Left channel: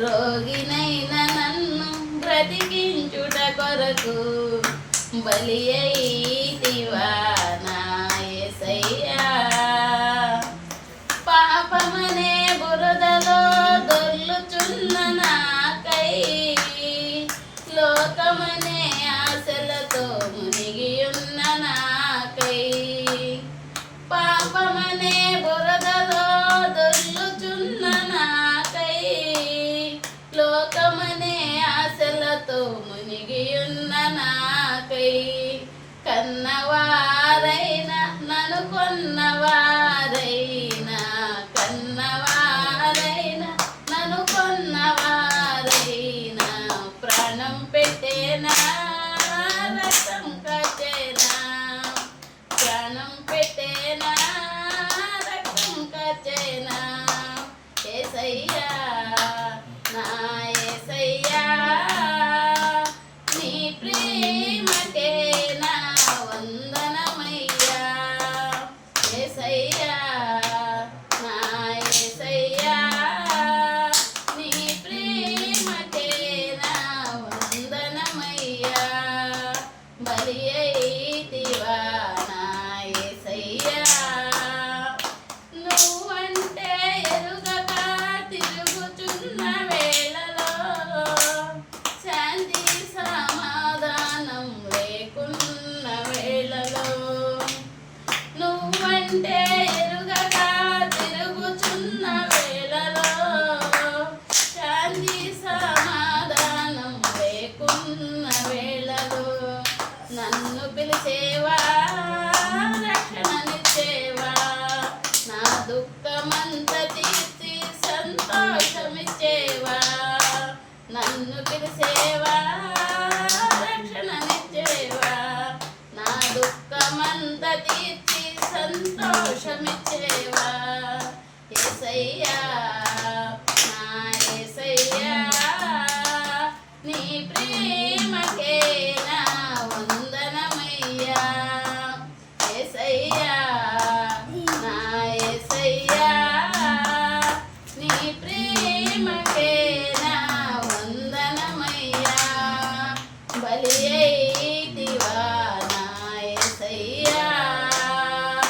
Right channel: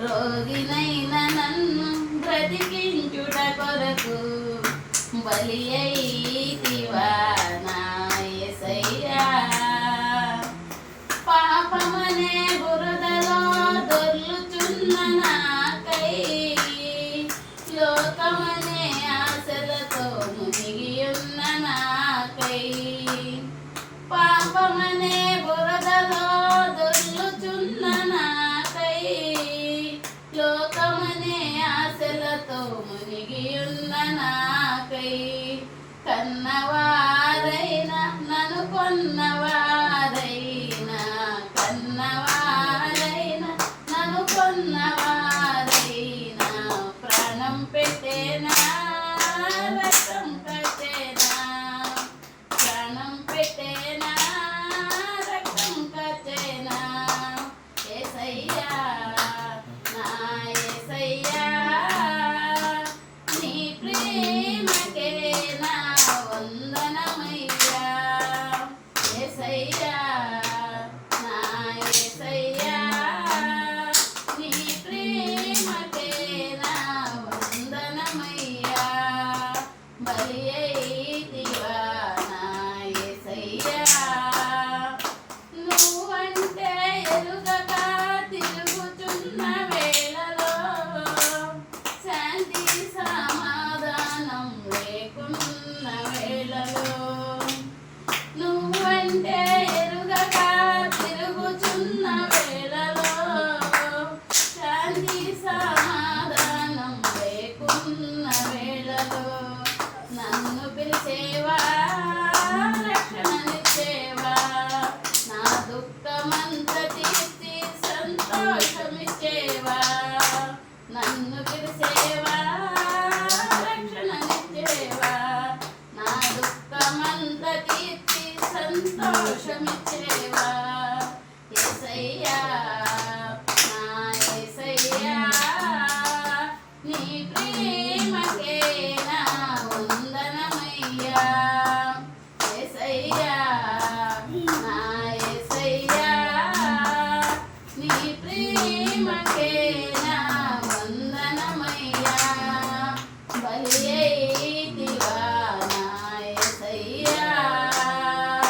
రోగినైన నన్ను బ్రతికించుట కొరకు బలి అయితివా నా యేసయ్యా. పాపమనే బురదలో దొర్లుచున్న నాకై లోకమనే ఆశలతో మునిగియున్న నాకై పాపమనే బురదలో దొర్లుచున్న నాకై లోకమనే ఆశలతో మునిగియున్న నాకై కన్నవారైనా నన్ను కొన్నవారైనా కన్నవారైనా నన్ను కొన్నవారైనా ప్రాణం పెట్టేనా రక్తం కట్టేనా ప్రాణం పెట్టేనా రక్తం కట్టేనా యేసయ్యా నా యేసయ్యా నీ ప్రేమకే నా వందనమయ్యా యేసయ్యా నా యేసయ్యా నీ ప్రేమకే నా వందనమయ్యా బలి అయితివా నా యేసయ్యా. నువ్వంటే ఎరుగక తిరుగుచున్న వేళలో శాంతి సమాధానం లేకున్న వేళలో నువ్వంటే ఎరుగక తిరుగుచున్న వేళలో శాంతి సమాధానం లేకున్న వేళలో నన్ను పిలిచేవా రక్షణనిచ్చేవా నా దుఃఖమంత తీర్చి సంతోషమిచ్చేవా నన్ను పిలిచేవా రక్షణనిచ్చేవా నా దుఃఖమంత తీర్చి సంతోషమిచ్చేవా యేసయ్యా నా యేసయ్యా నీ ప్రేమకే నా వందనమయ్యా యేసయ్యా నా యేసయ్యా నీ ప్రేమకే నా వందనమయ్యా బలి